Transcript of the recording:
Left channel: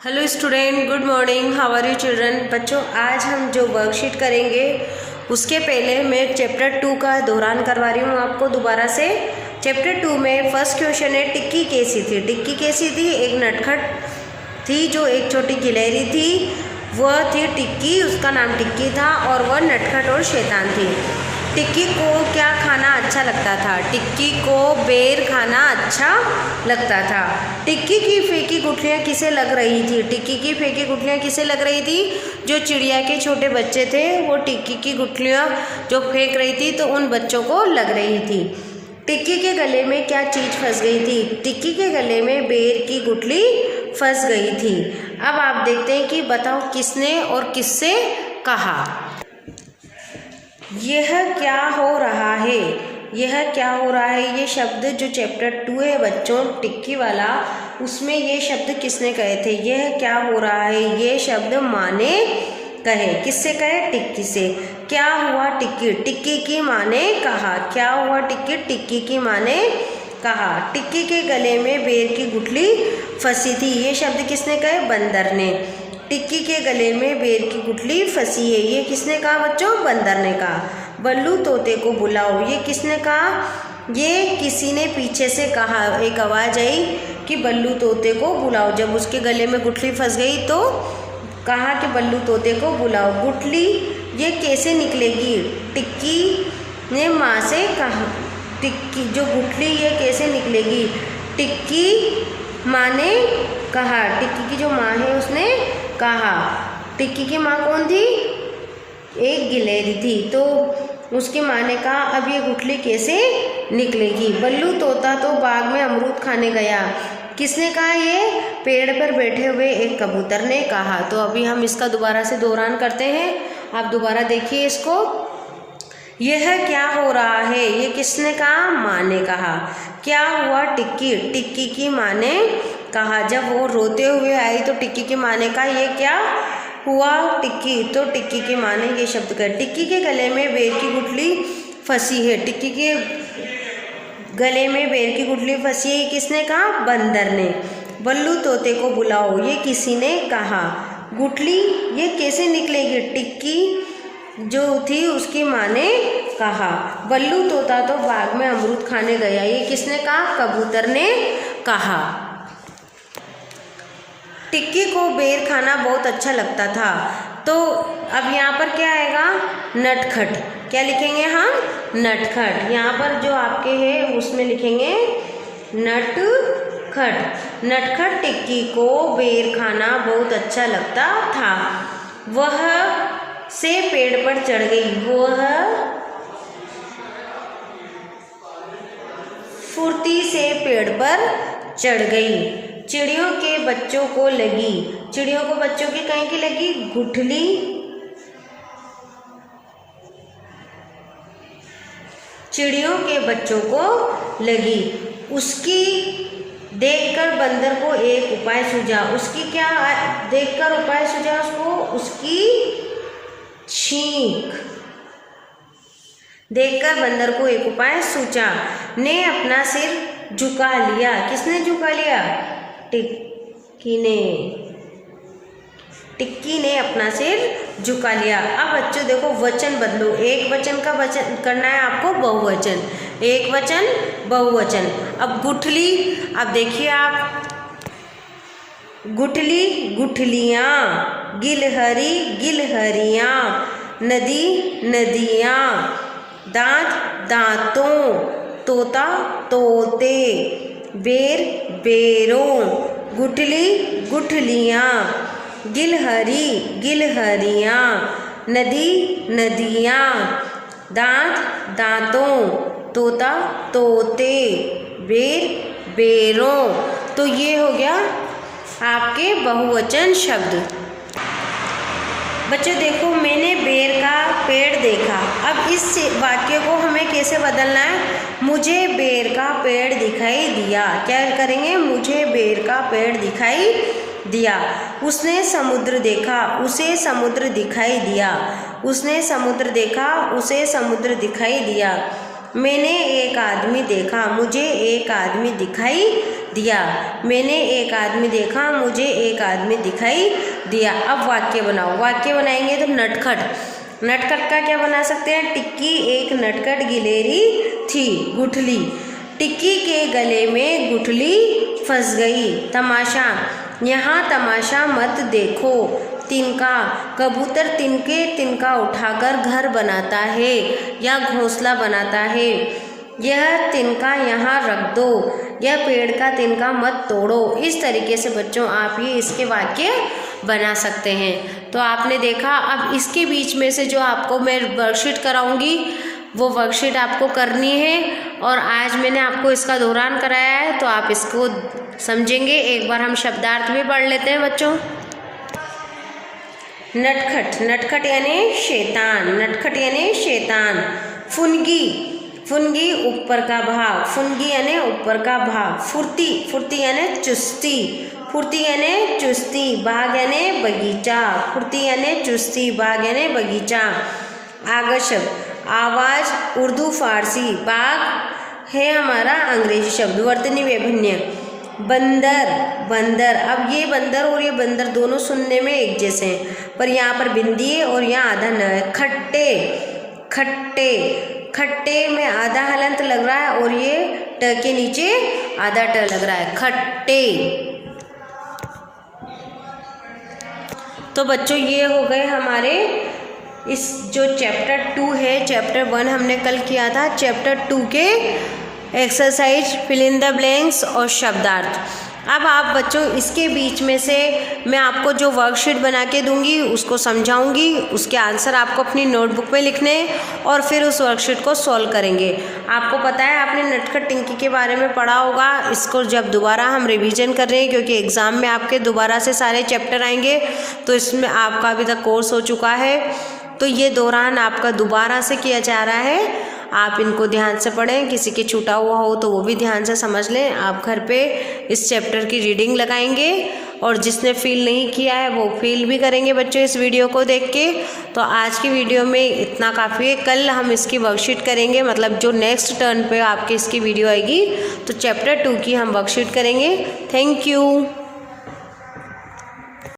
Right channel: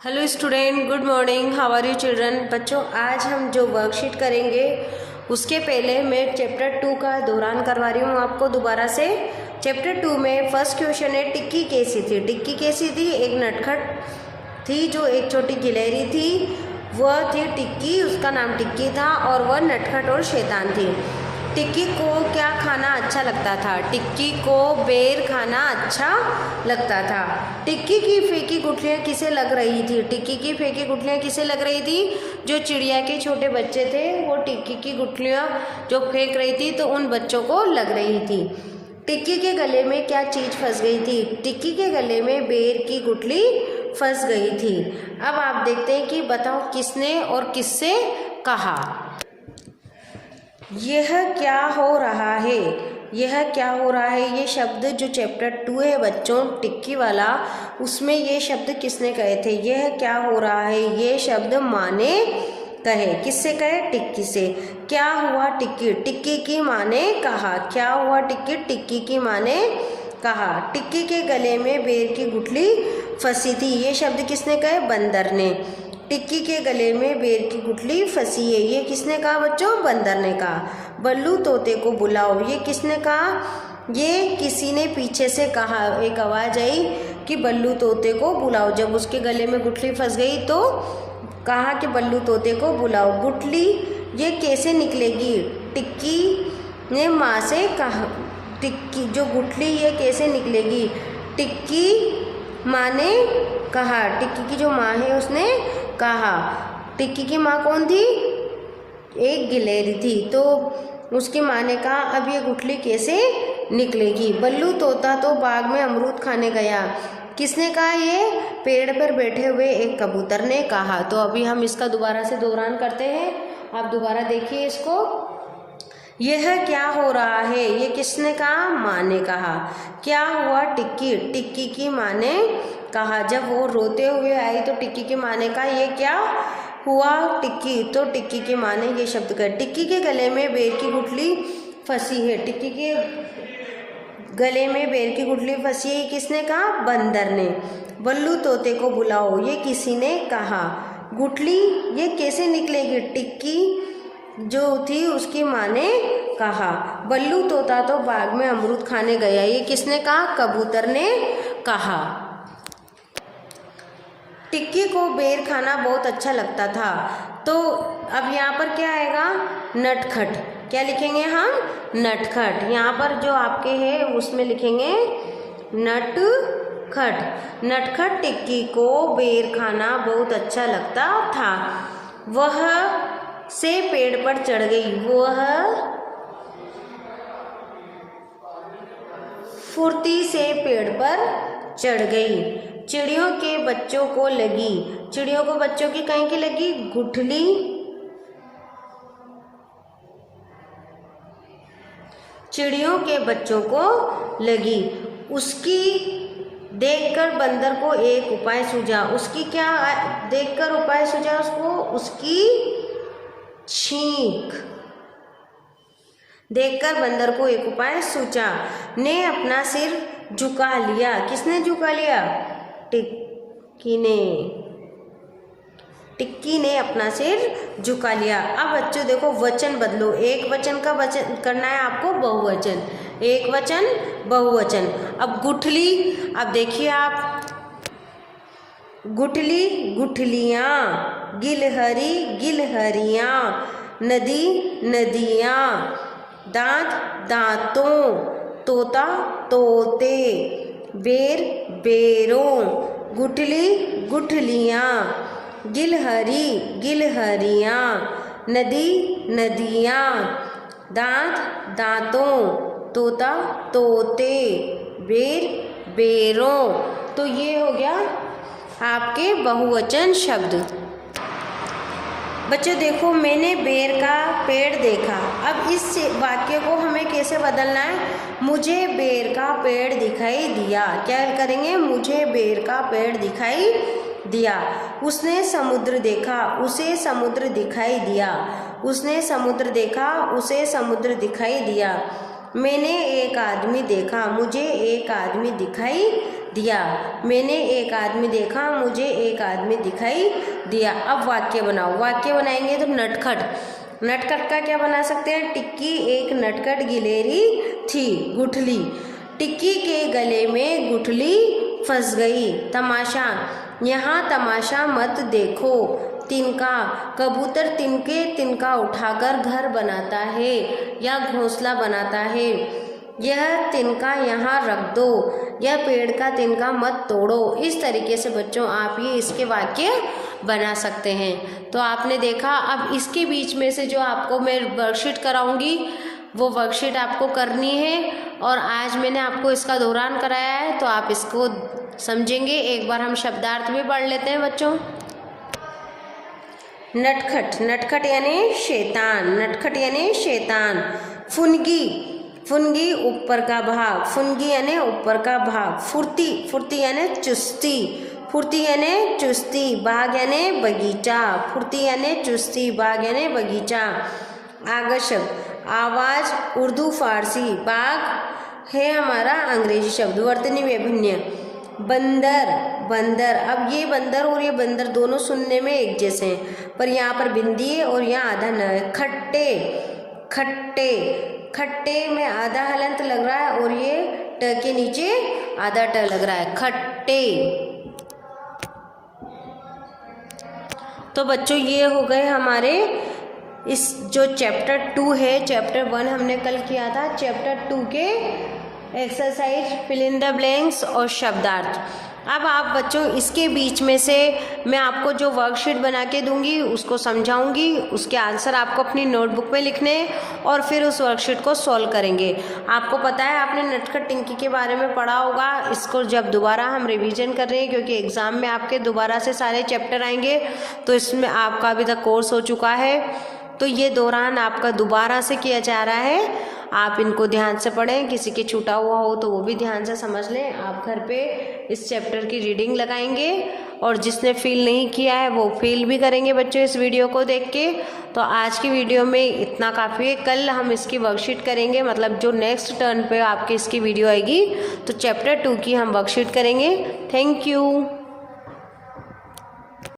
Hello student, good morning. How are you children. बच्चों, आज हम जो वर्कशीट करेंगे उसके पहले मैं चैप्टर 2 का दोहरान करवा रही हूँ आपको दोबारा से। चैप्टर 2 में फर्स्ट क्वेश्चन है टिक्की कैसी थी। टिक्की कैसी थी? एक नटखट थी जो एक छोटी गिलहरी थी, वह थी टिक्की, उसका नाम टिक्की था और वह नटखट और शैतान थी। टिक्की को क्या खाना अच्छा लगता था? टिक्की को बेर खाना अच्छा लगता था। टिक्की की फेंकी गुठलियाँ किसे लग रही थी? टिक्की की फेंकी गुठलियाँ किसे लग रही थी? जो चिड़िया के छोटे बच्चे थे वो टिक्की की गुठलियाँ जो फेंक रही थी तो उन बच्चों को लग रही थी। टिक्की के गले में क्या चीज़ फंस गई थी? टिक्की के गले में बेर की गुठली फंस गई थी। अब आप देखते हैं कि बताओ किसने और किससे कहा। यह क्या हो रहा है? यह क्या हो रहा है? ये शब्द जो चैप्टर 2 है बच्चों, टिक्की वाला, उसमें ये शब्द किसने कहे थे? यह क्या हो रहा है? ये शब्द माँ ने कहे। किससे कहे? टिक्की से। क्या हुआ टिक्की? टिक्की की माँ ने कहा। क्या हुआ टिक्की? टिक्की की माँ ने कहा। टिक्की के गले में बेर की गुठली फंसी थी। ये शब्द किसने कहे? बंदर ने। टिक्की के गले में बेर की गुठली फंसी है, ये किसने कहा बच्चों? बंदर ने कहा। बल्लू तोते को बुलाओ, ये किसने कहा? ये किसी ने पीछे से कहा। एक आवाज़ आई कि बल्लू तोते को बुलाओ। जब उसके गले में गुठली फंस गई तो कहा कि बल्लू तोते को बुलाओ। गुठली ये कैसे निकलेगी? टिक्की ने माँ से कहा। टिक्की जो गुठली ये कैसे निकलेगी? टिक्की माँ ने कहा। टिक्की की जो माँ है उसने कहा। टिक्की की माँ कौन थी? एक गिलहरी थी। तो उसकी माँ ने कहा अब ये गुठली कैसे निकलेगी? बल्लू तोता तो बाग में अमरूद खाने गया। किसने कहा? ये पेड़ पर बैठे हुए एक कबूतर ने कहा। तो अभी हम इसका दोबारा से दोहरान करते हैं, आप दोबारा देखिए इसको। यह क्या हो रहा है? ये किसने कहा? माँ ने कहा। क्या हुआ टिक्की? टिक्की की माँ ने कहा। जब वो रोते हुए आई तो टिक्की की माँ ने कहा ये क्या हुआ टिक्की? तो टिक्की की माँ ने ये शब्द कहा। टिक्की के गले में बेर की गुठली फंसी है। टिक्की के गले में बेर की गुठली फंसी है, किसने कहा? बंदर ने। बल्लू तोते को बुलाओ, ये किसी ने कहा। गुठली ये कैसे निकलेगी? टिक्की जो थी उसकी माँ ने कहा। बल्लू तोता तो बाग में अमरूद खाने गया, ये किसने कहा? कबूतर ने कहा। टिक्की को बेर खाना बहुत अच्छा लगता था। तो अब यहाँ पर क्या आएगा? नटखट। क्या लिखेंगे हम? नटखट। यहाँ पर जो आपके है उसमें लिखेंगे नटखट। नटखट टिक्की को बेर खाना बहुत अच्छा लगता था। वह से पेड़ पर चढ़ गई। वह फुर्ती से पेड़ पर चढ़ गई। चिड़ियों के बच्चों को लगी। चिड़ियों को बच्चों की कहीं की लगी? गुठली। चिड़ियों के बच्चों को लगी। उसकी देखकर बंदर को एक उपाय सूझा। उसकी क्या देखकर उपाय सूझा उसको? उसकी छींक देखकर बंदर को एक उपाय सूझा। ने अपना सिर झुका लिया। किसने झुका लिया? टिक्की ने। टिक्की ने अपना सिर झुका लिया। अब बच्चों देखो वचन बदलो। एक वचन का वचन करना है आपको, बहुवचन। एक वचन बहुवचन। अब गुठली, अब देखिए आप, गुठली गुठलियाँ, गिलहरी गिलहरियाँ, नदी नदियाँ, दांत दांतों, तोता तोते, बेर बेरों। गुठली गुठलियाँ, गिलहरी गिलहरियाँ, नदी नदियाँ, दांत दांतों, तोता तोते, बेर बेरों। तो ये हो गया आपके बहुवचन शब्द। बच्चों देखो, मैंने बेर का पेड़ देखा। अब इस वाक्य को हमें कैसे बदलना है? मुझे बेर का पेड़ दिखाई दिया। क्या करेंगे? मुझे बेर का पेड़ दिखाई दिया। उसने समुद्र देखा, उसे समुद्र दिखाई दिया। उसने समुद्र देखा, उसे समुद्र दिखाई दिया। मैंने एक आदमी देखा, मुझे एक आदमी दिखाई दिया। मैंने एक आदमी देखा, मुझे एक आदमी दिखाई दिया। अब वाक्य बनाओ। वाक्य बनाएंगे तो नटखट। नटखट का क्या बना सकते हैं? टिक्की एक नटखट गिलहरी थी। गुठली, टिक्की के गले में गुठली फंस गई। तमाशा, यहाँ तमाशा मत देखो। तिनका, कबूतर तिनके तिनका उठाकर घर बनाता है या घोंसला बनाता है। यह तिनका यहाँ रख दो, यह पेड़ का तिनका मत तोड़ो। इस तरीके से बच्चों आप ही इसके वाक्य बना सकते हैं। तो आपने देखा, अब इसके बीच में से जो आपको मैं वर्कशीट कराऊंगी वो वर्कशीट आपको करनी है, और आज मैंने आपको इसका दौरान कराया है तो आप इसको समझेंगे। एक बार हम शब्दार्थ भी पढ़ लेते हैं बच्चों। नटखट, नटखट यानी शैतान। नटखट यानी शैतान। फुनगी, फुनगी ऊपर का भाग। फुनगी यानी ऊपर का भाग। फुर्ती, फुर्ती यानी चुस्ती। फुर्ती यानी चुस्ती। बाग यानी बगीचा। फुर्ती यानी चुस्ती, बाग यानी बगीचा। आकर्षक, आवाज उर्दू फारसी, बाग है हमारा अंग्रेजी शब्द। वर्तनी वैभिन्य, बंदर, बंदर। अब ये बंदर और ये बंदर दोनों सुनने में एक जैसे हैं, पर यहाँ पर बिंदी है और यहाँ आधा न है। खट्टे, खट्टे, खट्टे में आधा हलंत लग रहा है और ये ट के नीचे आधा ट लग रहा है। खट्टे। तो बच्चों ये हो गए हमारे इस जो चैप्टर 2 है। चैप्टर 1 हमने कल किया था। चैप्टर 2 के exercise fill in the blanks और शब्दार्थ। अब आप बच्चों इसके बीच में से मैं आपको जो वर्कशीट बना के दूंगी उसको समझाऊंगी, उसके आंसर आपको अपनी नोटबुक में लिखने हैं और फिर उस वर्कशीट को सॉल्व करेंगे। आपको पता है आपने नटखट टिंकी के बारे में पढ़ा होगा। इसको जब दोबारा हम रिवीजन कर रहे हैं क्योंकि एग्ज़ाम में आपके दोबारा से सारे चैप्टर आएंगे, तो इसमें आपका अभी तक कोर्स हो चुका है, तो ये दौरान आपका दोबारा से किया जा रहा है। आप इनको ध्यान से पढ़ें, किसी के छूटा हुआ हो तो वो भी ध्यान से समझ लें। आप घर पे इस चैप्टर की रीडिंग लगाएंगे और जिसने फील नहीं किया है वो फील भी करेंगे बच्चों इस वीडियो को देख के। तो आज की वीडियो में इतना काफ़ी है। कल हम इसकी वर्कशीट करेंगे, मतलब जो नेक्स्ट टर्न पे आपके इसकी वीडियो आएगी तो चैप्टर 2 की हम वर्कशीट करेंगे। Thank you.